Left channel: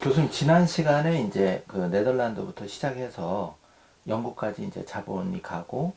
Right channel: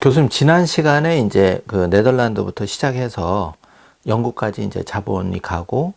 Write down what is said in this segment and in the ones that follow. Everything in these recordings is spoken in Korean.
교수님, 지난 시간에 이제 그 네덜란드부터 시작해서 영국까지 이제 자본이 가고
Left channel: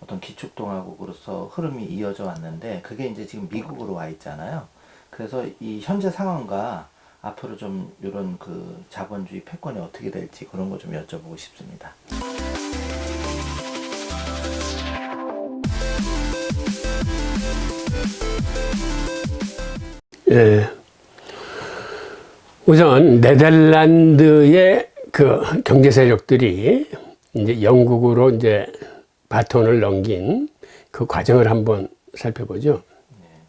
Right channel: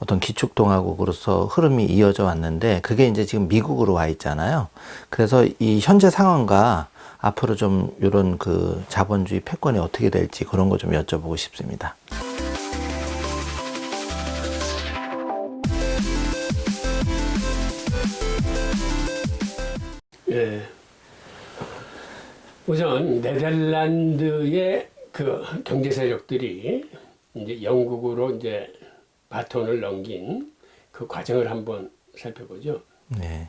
어떤 기축동화국으로서 흐름이 이어져 왔는데 그게 이제 지금 미국으로 와 있잖아요. 그래서 이 현재 상황과 앞으로 좀 이런 그 자본주의 패권이 어떻게 될지 그런 거 좀 여쭤보고 싶습니다. 예. 우선 네덜란드의 그 경제 세력들이 이제 영국으로 이제 바톤을 넘긴 그 과정을 한번 살펴보죠. 네.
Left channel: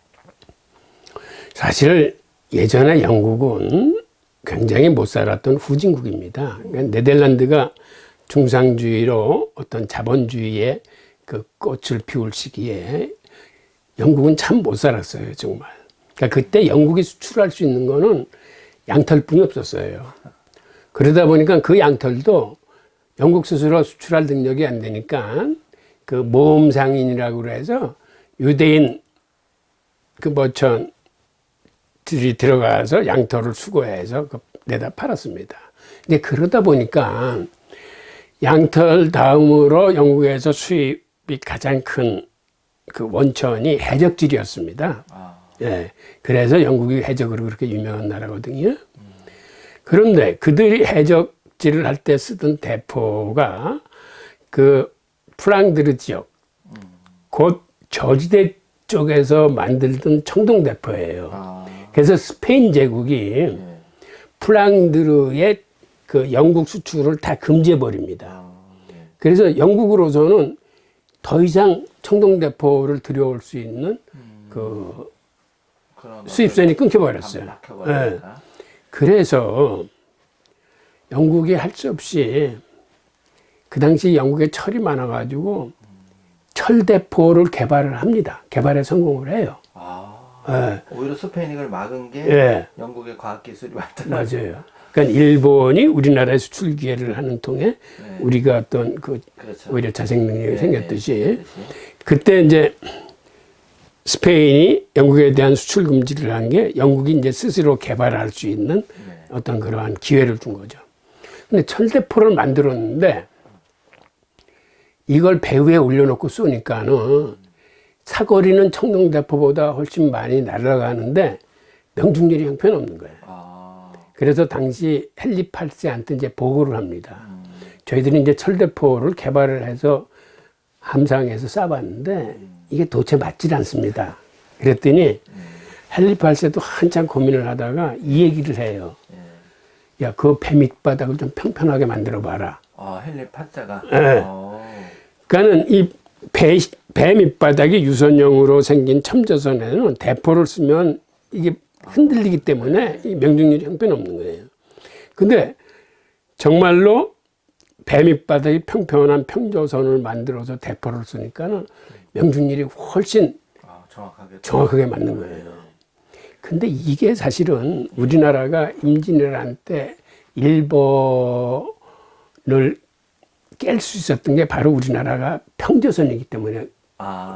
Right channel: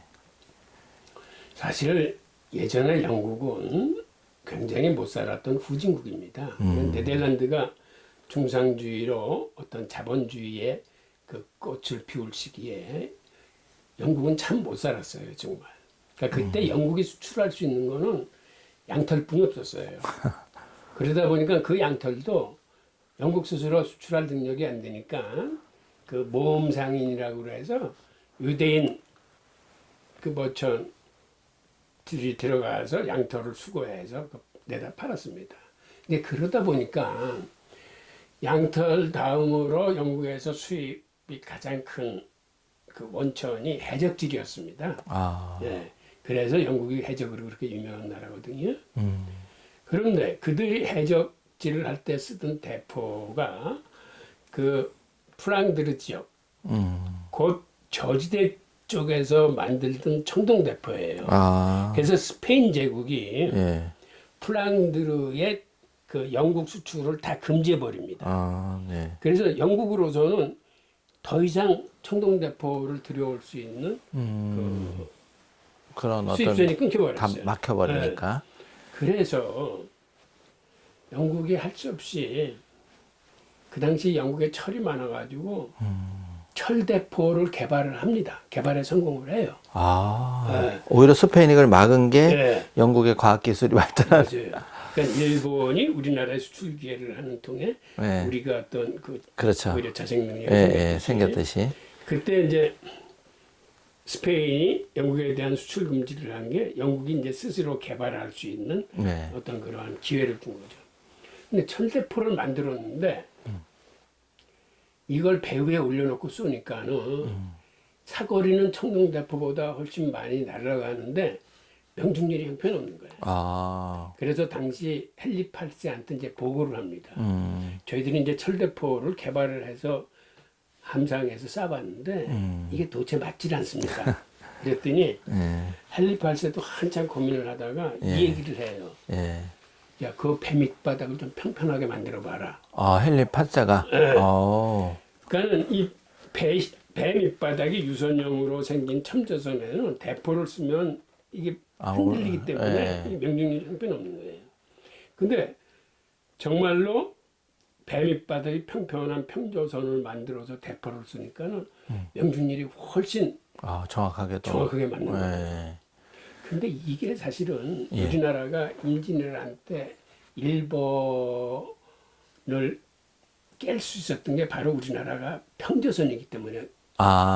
사실 예전에 영국은 굉장히 못 살았던 후진국입니다. 네덜란드가 중상주의로 어떤 자본주의의 그 꽃을 피울 시기에 영국은 참 못 살았어요, 정말. 그러니까 그때 영국이 수출할 수 있는 거는 양털뿐이 없었어요. 그러다 보니까 그 양털도 영국 스스로 수출할 능력이 안 되니까 그 모험상인이라고 해서 유대인 그 머천들이 들어가서 양털을 수거해서 내다 팔았습니다. 근데 그러다 보니까 양털 다음으로 영국에서 수입이 가장 큰 그 원천이 해적질이었습니다. 예. 그래서 영국이 해적으로 그렇게 유명한 나라거든요. 그런데 그들이 해적질을 할 때 쓰던 대포가 그 프랑드르 지역, 곧 저지대 쪽에서 만들던 청동대포예요. 그래서 스페인 제국이 프랑드르의 그 영국 수출을 다 금지해버립니다. 그래서 영국으로서는 더 이상 청동대포를 들여올 수 있는 그런 수입선이 끊겨버렸어요. 막혀버리니까. 네. 그래서 영국이 할 수 없이 그 당시 영국에 철이 많아가지고 철대포를 개발을 합니다. 개발에 성공을 해요. 오히려 스페인이 그걸 막은 게 네. 영국의 과학기술이 발달한. 맞아요. 그러니까 일본이 우리나라에 수출 기회를 하는 통에 우리가 어떤 그 그렇죠. 오히려 자생 능력이 생겼듯이. 그때 이제 스페인이 영국에 대한 수출 금지를 한 게 영국이 이제 스스로 개발할 수 있는 어떤 그러한 기회를 준 거죠. 근데 철대포를 만들었는데 이걸 배 위에 올려놓고 쏘니까는 사거리는 청동대포보다 훨씬 많이 날아가는데 명중률이 형편없는 거예요. 그래서 당시 헨리 8세한테 이제 보고를 합니다. 저희들이 이제 철대포를 개발을 해서 함상에서 쏴봤는데 이게 도대체 맞질 않습니다. 그랬더니 헨리 8세도 한참 고민을 하다가 이 얘기를 해요. 야, 그 배 밑바닥을 좀 평평하게 만들어 봐라. 헨리 8세가. 그러니까는 이 배 밑바닥이 유선형으로 생긴 첨저선에는 대포를 쓰면 이게 흔들리기 때문에 이 명중률이 형편없는 거예요. 근데 정말로 배 밑바닥이 평평한 평저선을 만들어서 대포를 쓰니까는 명중률이 훨씬 정확하게 맞는 거예요. 근데 이게 사실은 우리나라가 임진왜란 때 일본을 깰 수 있었던 게 바로 우리나라가 평저선이기 때문에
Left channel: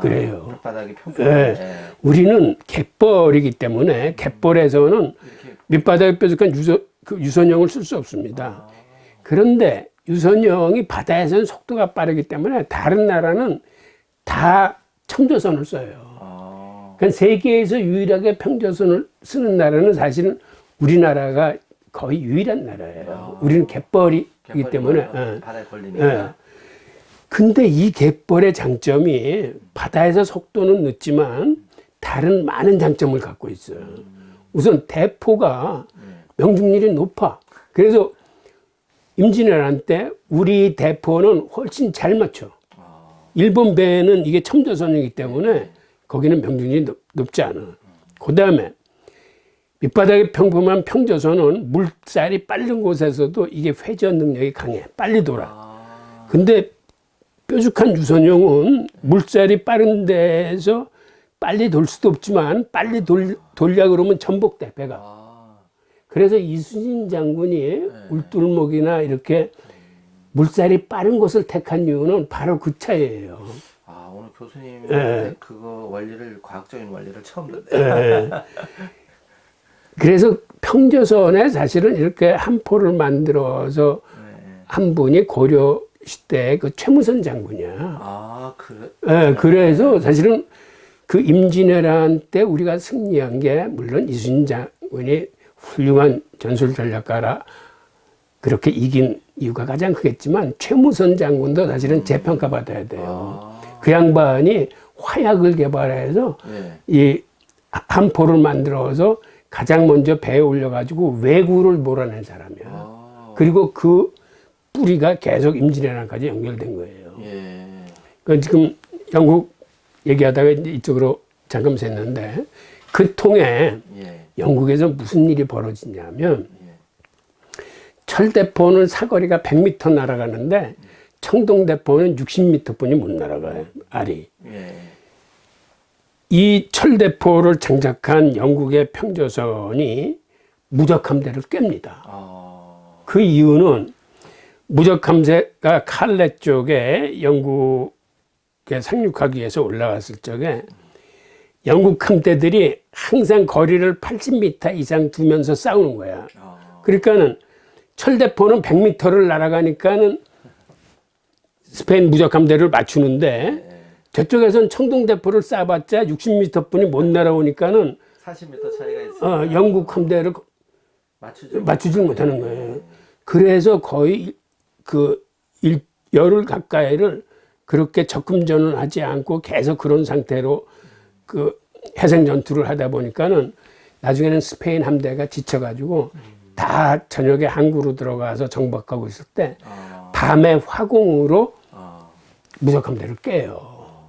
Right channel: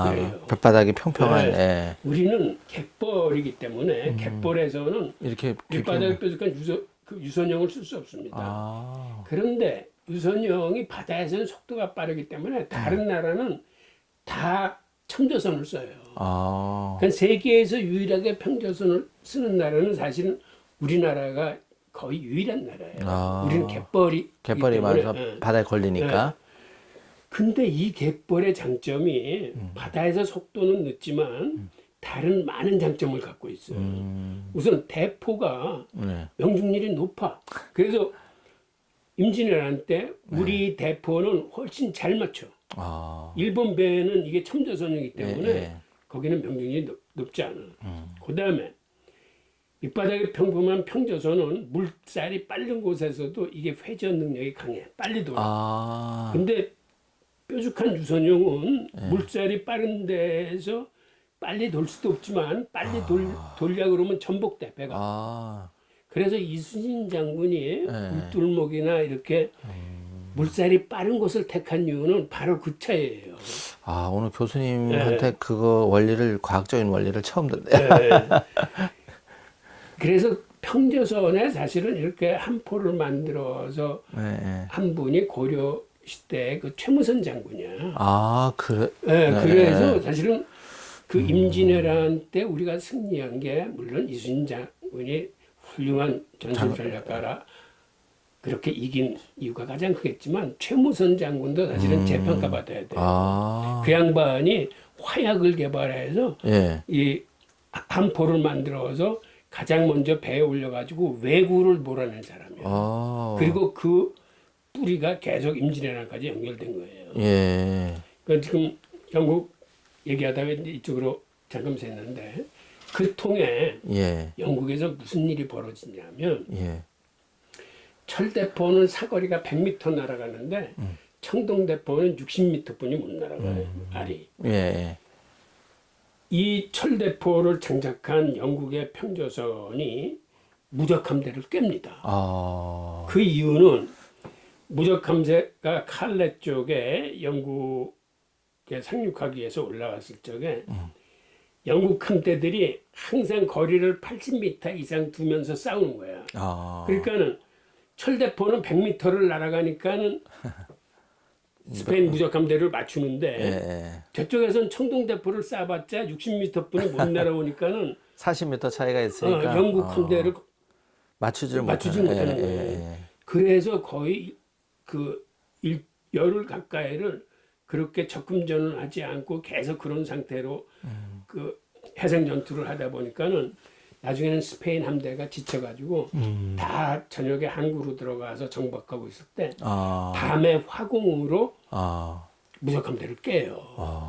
그래요. 뱃바닥이 평평해. 우리는 갯벌이기 때문에 갯벌에서는 밑바닥에 뾰족한 유선형을 쓸 수 없습니다. 그런데 유선형이 바다에서는 속도가 빠르기 때문에 다른 나라는 다 청조선을 써요. 그러니까 세계에서 유일하게 평조선을 쓰는 나라는 사실은 우리나라가 거의 유일한 나라예요. 우리는 갯벌이기 때문에 바다에 걸리니까. 근데 이 갯벌의 장점이 바다에서 속도는 늦지만 다른 많은 장점을 갖고 있어요. 우선 대포가 명중률이 높아. 그래서 임진왜란 때 우리 대포는 훨씬 잘 맞춰. 일본 배는 이게 첨저선이기 때문에 거기는 명중률이 높지 않아. 그 다음에 밑바닥이 평범한 평저선은 물살이 빠른 곳에서도 이게 회전 능력이 강해. 빨리 돌아. 근데 뾰족한 유선형은 물살이 빠른 데에서 빨리 돌 수도 없지만 빨리 돌려 그러면 전복돼, 배가. 그래서 이순신 장군이 울두루목이나 이렇게 물살이 빠른 곳을 택한 이유는 바로 그 차이예요. 오늘 교수님한테 그거 원리를, 과학적인 원리를 처음 듣네요. 그래서 평조선에 사실은 이렇게 함포를 만들어서 네. 한 분이 고려 시대 그 최무선 장군이야. 아, 그래. 예, 네. 그래서 사실은 그 임진왜란 때 우리가 승리한 게 물론 이순신 장군이 훌륭한 전술 전략가라 그렇게 이긴 이유가 가장 크겠지만 최무선 장군도 사실은 재평가받아야 돼요. 아. 그 양반이 화약을 개발해서 예. 이 함포를 만들어서 가장 먼저 배에 올려가지고 왜구를 몰아낸 사람이야. 아. 그리고 그 뿌리가 계속 임진왜란까지 연결된 거예요. 예. 그 지금 영국 얘기하다가 이제 이쪽으로 잠깐 샜는데 그 통에 예. 영국에서 무슨 일이 벌어지냐면 예. 철대포는 사거리가 100m 날아가는데 청동대포는 60m뿐이 못 날아가요. 알이. 예. 이 철대포를 장착한 영국의 평조선이 무적함대를 깹니다. 아. 그 이유는 무적함대가 칼레 쪽에 영국에 상륙하기 위해서 올라갔을 적에 영국 함대들이 항상 거리를 80m 이상 두면서 싸우는 거야. 아. 그러니까는 철대포는 100m를 날아가니까는 스페인 무적함대를 맞추는데 예. 저쪽에선 청동대포를 쏴봤자 60m뿐이 못 날아오니까는 40m 차이가 있으니까 영국 함대를 맞추질 못하는 예. 거예요. 그래서 거의 그 열흘 가까이를 그렇게 적금전을 하지 않고 계속 그런 상태로 그 해상 전투를 하다 보니까는 나중에는 스페인 함대가 지쳐가지고 다 저녁에 항구로 들어가서 정박하고 있을 때 아. 밤에 화공으로 아. 무적함대를 깨요.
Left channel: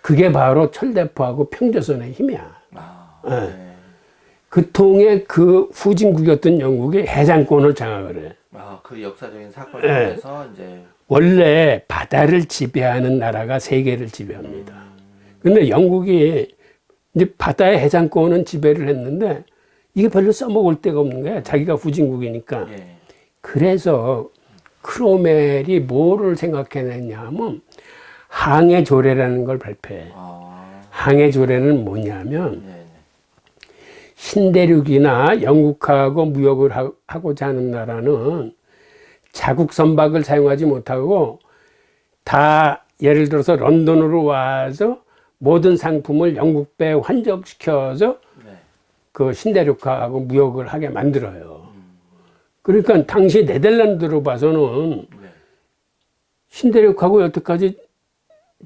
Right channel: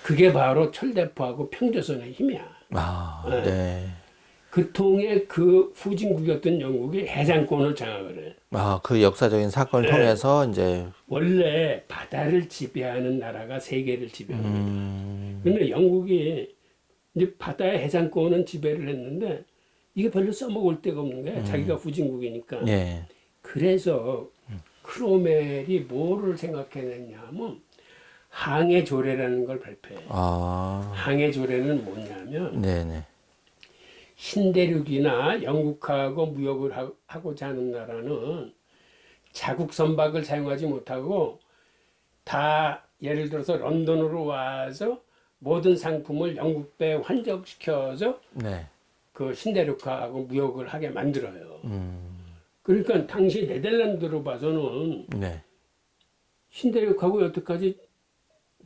그게 바로 철대포하고 평조선의 힘이야. 아. 네. 예. 그 통에 그 후진국이었던 영국이 해상권을 장악을 해. 아, 그 역사적인 사건을 네. 통해서 이제 원래 바다를 지배하는 나라가 세계를 지배합니다. 근데 영국이 이제 바다의 해상권은 지배를 했는데 이게 별로 써먹을 데가 없는 거야. 자기가 후진국이니까. 예. 그래서 크로멜이 뭐를 생각해냈냐 하면 항해조례라는 걸 발표해. 아. 항해조례는 뭐냐면 네네. 신대륙이나 영국하고 무역을 하고자 하는 나라는 자국 선박을 사용하지 못하고 다 예를 들어서 런던으로 와서 모든 상품을 영국배에 환적시켜서 네. 그 신대륙하고 무역을 하게 만들어요. 그러니까 당시 네덜란드로 봐서는 네. 신대륙하고 여태까지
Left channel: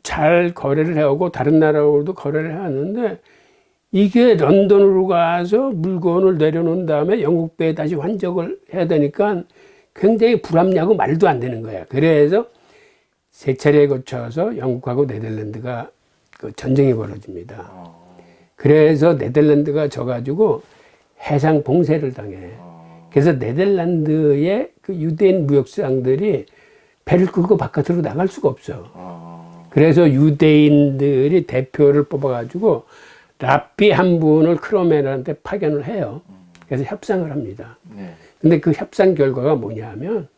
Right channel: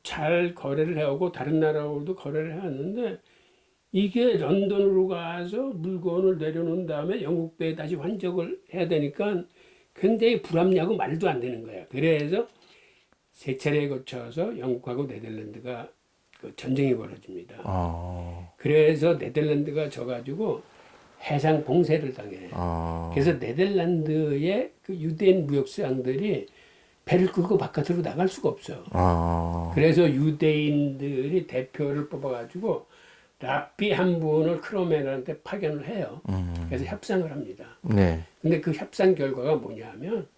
잘 거래를 해오고 다른 나라하고도 거래를 해왔는데 이게 런던으로 가서 물건을 내려놓은 다음에 영국배에 다시 환적을 해야 되니까 굉장히 불합리하고 말도 안 되는 거야. 그래서 세 차례에 거쳐서 영국하고 네덜란드가 그 전쟁이 벌어집니다. 그래서 네덜란드가 져가지고 해상 봉쇄를 당해요. 그래서 네덜란드의 그 유대인 무역상들이 배를 끌고 바깥으로 나갈 수가 없어. 그래서 유대인들이 대표를 뽑아가지고 랍비 한 분을 크로멜한테 파견을 해요. 그래서 협상을 합니다. 네. 근데 그 협상 결과가 뭐냐면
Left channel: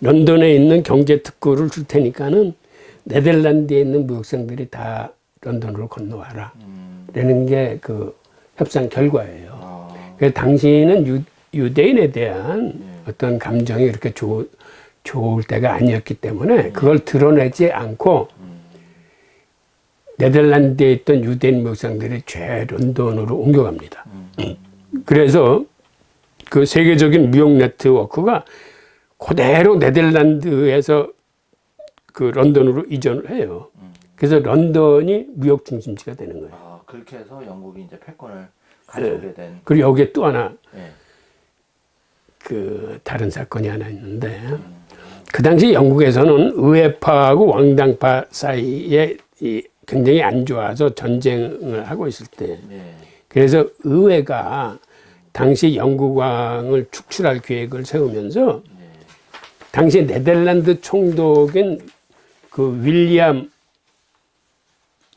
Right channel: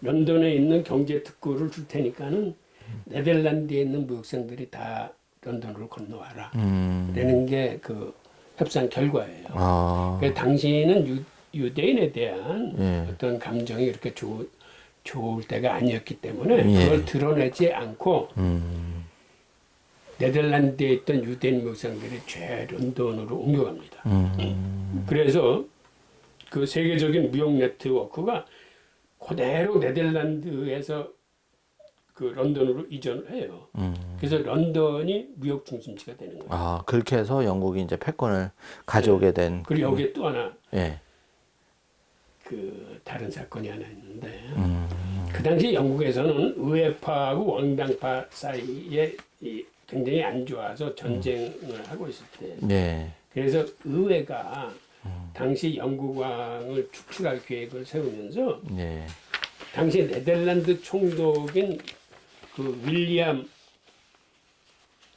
런던에 있는 경제 특구를 줄 테니까는 네덜란드에 있는 무역상들이 다 런던으로 건너와라. 라는 게 그 협상 결과예요. 그래서 당시에는 유대인에 대한 어떤 감정이 이렇게 좋을 때가 아니었기 때문에 그걸 드러내지 않고 네덜란드에 있던 유대인 무역상들이 죄 런던으로 옮겨갑니다. 그래서 그 세계적인 무역 네트워크가 그대로 네덜란드에서 그 런던으로 이전을 해요. 그래서 런던이 무역 중심지가 되는 거예요. 아, 그렇게 해서 영국이 이제 패권을 가져오게 된. 그리고 여기에 또 하나 예. 그 다른 사건이 하나 있는데 그 당시 영국에서는 의회파하고 왕당파 사이에 이 굉장히 안 좋아서 전쟁을 하고 있을 때 예. 그래서 의회가 당시 영국왕을 축출할 계획을 세우면서 예. 당시 네덜란드 총독인 그 윌리엄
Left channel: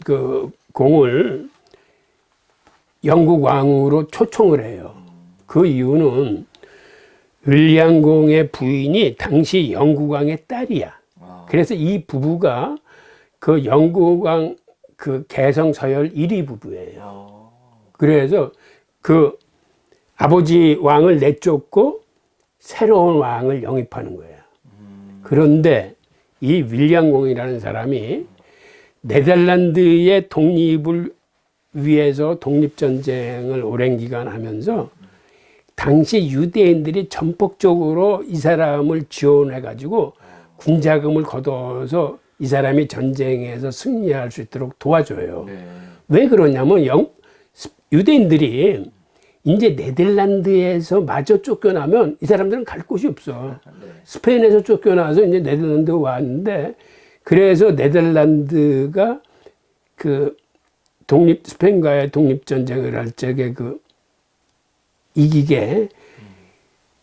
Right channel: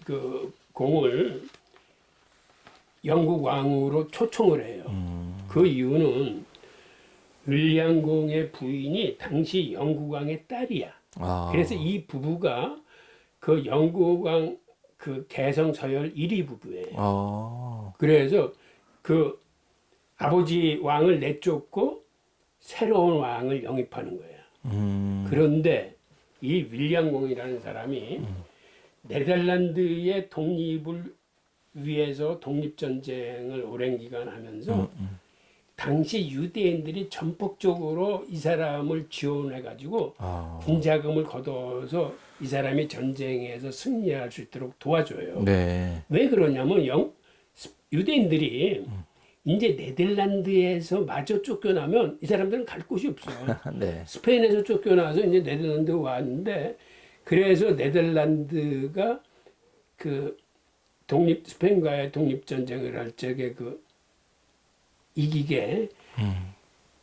그 공을 영국 왕으로 초청을 해요. 그 이유는 윌리엄 공의 부인이 당시 영국 왕의 딸이야. 그래서 이 부부가 그 영국 왕 그 개성 서열 1위 부부예요. 그래서 그 아버지 왕을 내쫓고 새로운 왕을 영입하는 거야. 그런데 이 윌리엄 공이라는 사람이 네덜란드의 독립을 위해서 독립전쟁을 오랜 기간 하면서 당시 유대인들이 전폭적으로 이 사람을 지원해가지고 군자금을 걷어서 이 사람이 전쟁에서 승리할 수 있도록 도와줘요. 네. 왜 그러냐면 유대인들이 이제 네덜란드에서 마저 쫓겨나면 이 사람들은 갈 곳이 없어. 네. 스페인에서 쫓겨나서 이제 네덜란드 왔는데 그래서 네덜란드가 그 스페인과의 독립전쟁을 할 적에 그 이기게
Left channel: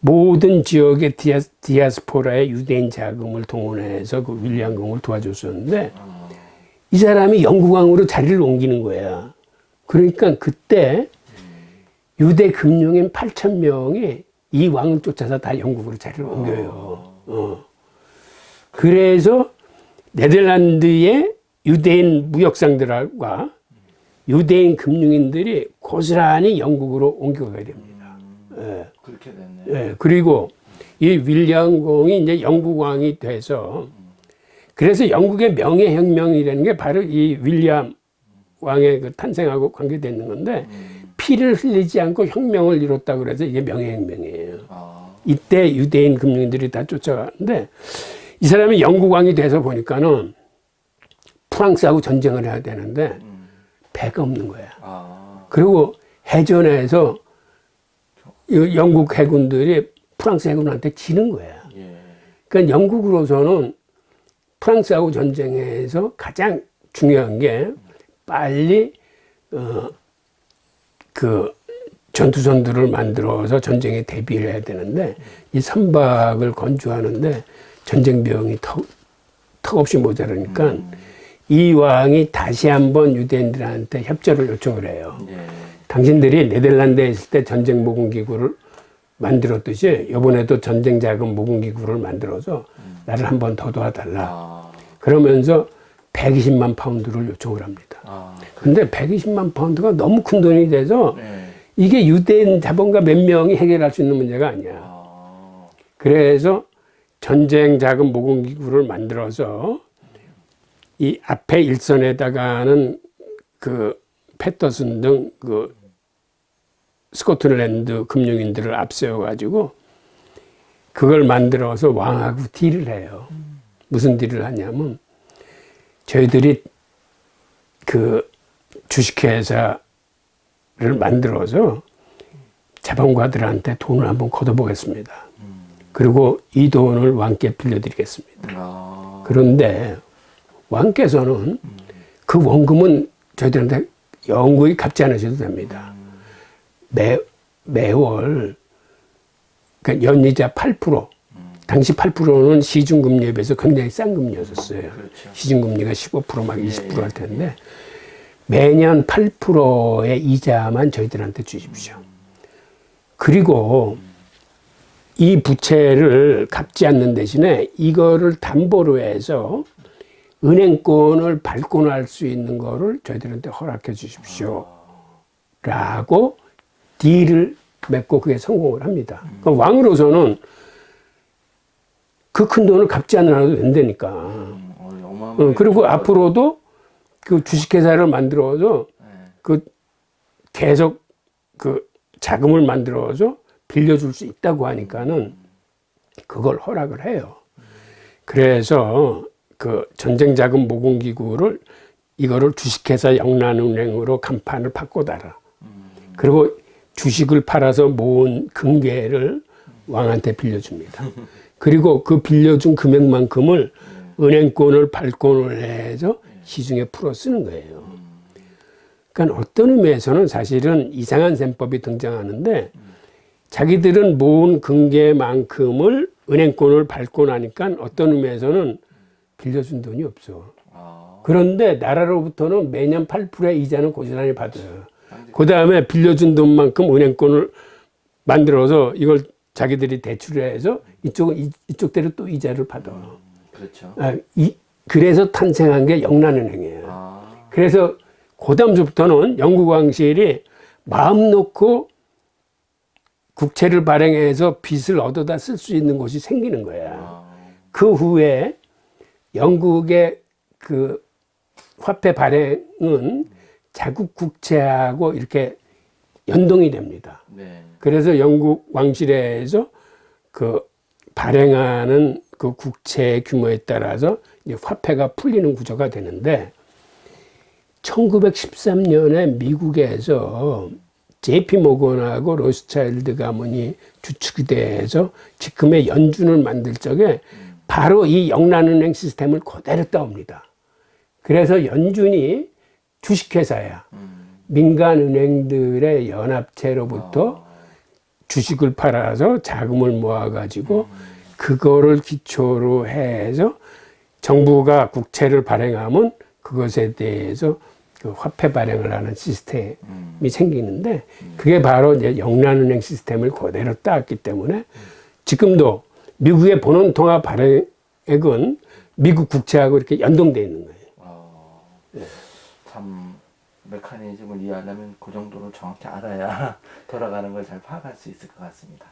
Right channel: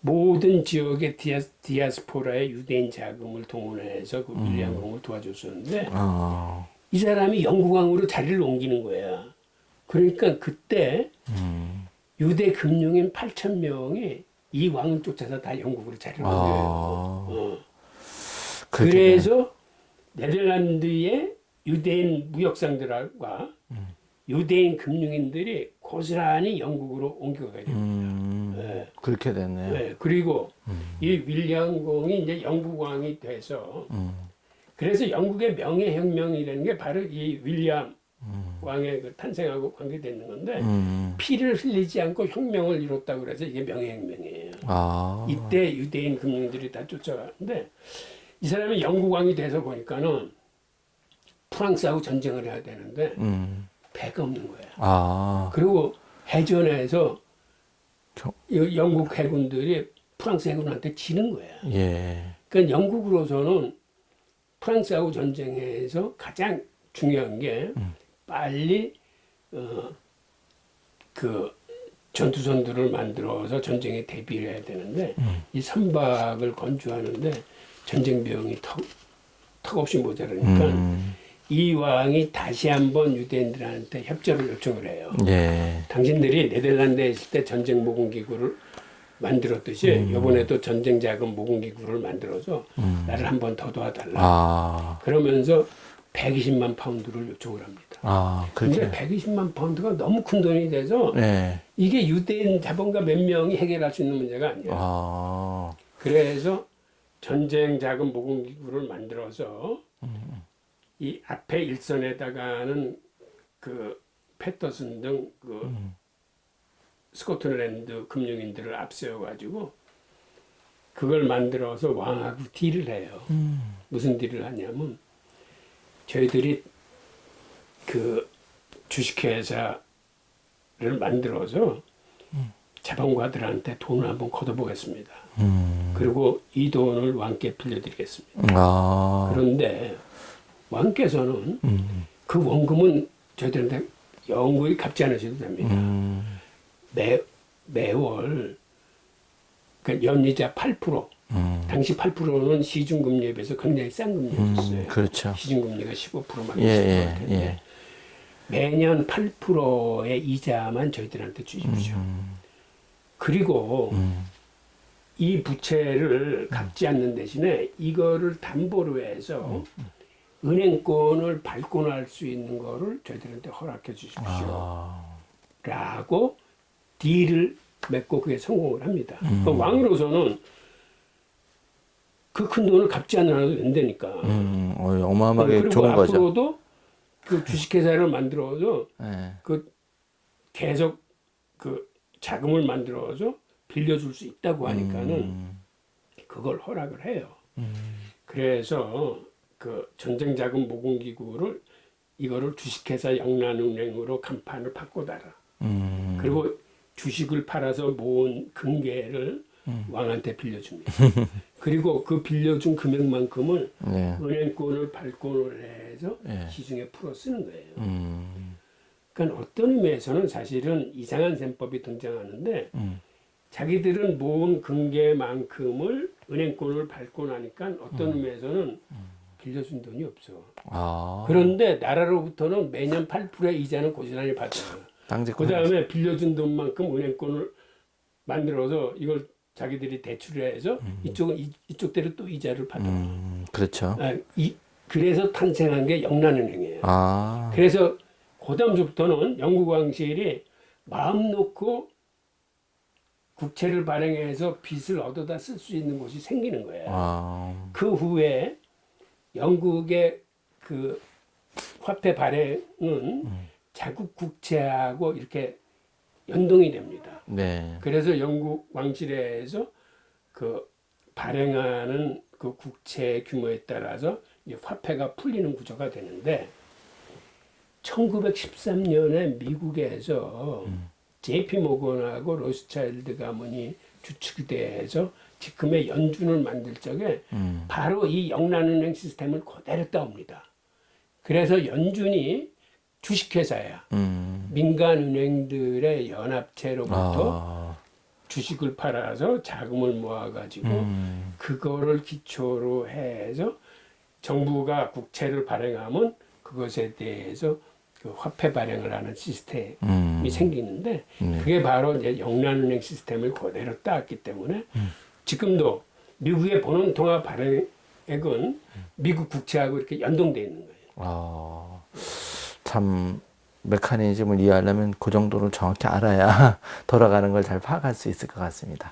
모든 지역의 디아스포라의 유대인 자금을 동원해서 그 윌리엄 공을 도와줬었는데 이 사람이 영국왕으로 자리를 옮기는 거야. 그러니까 그때 유대 금융인 8,000명이 이 왕을 쫓아서 다 영국으로 자리를 옮겨요. 그래서 네덜란드의 유대인 무역상들과 유대인 금융인들이 고스란히 영국으로 옮겨가게 됩니다. 그렇게 됐네. 네, 그리고 이 윌리엄 공이 이제 영국 왕이 돼서 그래서 영국의 명예혁명이라는 게 바로 이 윌리엄 왕의 그 탄생하고 관계되는 건데 피를 흘리지 않고 혁명을 이뤘다고 그래서 이게 명예혁명이에요. 이때 유대인 금융인들이 다 쫓아가는데 이 사람이 영국 왕이 돼서 보니까는 프랑스하고 전쟁을 해야 되는데 배가 없는 거야. 그리고 해전에서 영국 해군들이 프랑스 해군한테 지는 거야. 예. 그러니까 영국으로서는 프랑스하고 전쟁에서 가장 중요한 게 빨리 그 전투선들을 만들어서 전쟁에 대비를 해야 되는데 이 선박을 건조하는데 전쟁 비용이 턱없이 모자라니까 이 왕이 다시 한번 유대인들한테 협조를 요청을 해요. 예. 당신들이 네덜란드에 있을 때 전쟁 모금기구를 만들었듯이 이번에도 전쟁 자금 모금기구를 만들어서 나를 한 번 더 도와달라. 그러면서 120만 파운드를 요청을 합니다. 그런데 120만 파운드가 너무 큰 돈이 돼서 예. 이게 유대인 자본가 몇 명이 해결할 수 있는 문제가 아니야. 그래서 전쟁 자금 모금기구를 만들어서 이 앞에 일선에다가는 그 패터슨 등 그 스코틀랜드 금융인들을 앞세워가지고 그걸 만들어서 왕하고 딜을 해요. 무슨 딜을 하냐면 저희들이 그 주식회사를 만들어서 자본가들한테 돈을 한번 걷어보겠습니다. 그리고 이 돈을 왕께 빌려드리겠습니다. 그런데 왕께서는 그 원금은 저희들한테 영구히 갚지 않으셔도 됩니다. 매월 그러니까 연이자 8%. 당시 8%는 시중금리에 비해서 굉장히 싼 금리였었어요. 그렇죠. 시중금리가 15% 막 20% 할 텐데 예. 매년 8%의 이자만 저희들한테 주십시오. 그리고 이 부채를 갚지 않는 대신에 이거를 담보로 해서 은행권을 발권할 수 있는 거를 저희들한테 허락해 주십시오. 라고 딜을 맺고 그게 성공을 합니다. 그러니까 왕으로서는 그 큰 돈을 갚지 않아도 된다니까. 어마어마하게 그리고 좋은 앞으로도 그 주식회사를 만들어서 그 계속 그 자금을 만들어서 빌려줄 수 있다고 하니까는 그걸 허락을 해요. 그래서 그 전쟁 자금 모금기구를 이거를 주식회사 영란은행으로 간판을 바꿔달라. 그리고 주식을 팔아서 모은 금괴를 왕한테 빌려줍니다. 그리고 그 빌려준 금액만큼을 은행권을 발권을 해서 시중에 풀어 쓰는 거예요. 그러니까 어떤 의미에서는 사실은 이상한 셈법이 등장하는데 자기들은 모은 금괴만큼을 은행권을 발권하니까 어떤 의미에서는 빌려준 돈이 없어. 그런데 나라로부터는 매년 8%의 이자는 고스란히 받아요. 그 다음에 빌려준 돈만큼 은행권을 만들어서 이걸 자기들이 대출해서 이쪽대로 또 이자를 받아. 그렇죠. 그래서 탄생한 게 영란은행이에요. 그래서 그 다음부터는 영국 왕실이 마음 놓고 국채를 발행해서 빚을 얻어다 쓸 수 있는 곳이 생기는 거야. 아, 그 후에 영국의 그 화폐 발행은 자국 국채하고 이렇게 연동이 됩니다. 네. 그래서 영국 왕실에서 그 발행하는 그 국채 규모에 따라서 이제 화폐가 풀리는 구조가 되는데 1913년에 미국에서 JP 모건하고 로스차일드 가문이 주축이 돼서 지금의 연준을 만들 적에 바로 이 영란은행 시스템을 그대로 따옵니다. 그래서 연준이 주식회사야. 민간은행들의 연합체로부터 주식을 팔아서 자금을 모아가지고 그거를 기초로 해서 정부가 국채를 발행하면 그것에 대해서 그 화폐 발행을 하는 시스템이 생기는데 그게 바로 이제 영란은행 시스템을 그대로 따왔기 때문에 지금도 미국의 본원통화 발행액은 미국 국채하고 이렇게 연동되어 있는 거예요. 참 메커니즘을 이해하려면 그 정도를 정확히 알아야 돌아가는 걸 잘 파악할 수 있을 것 같습니다.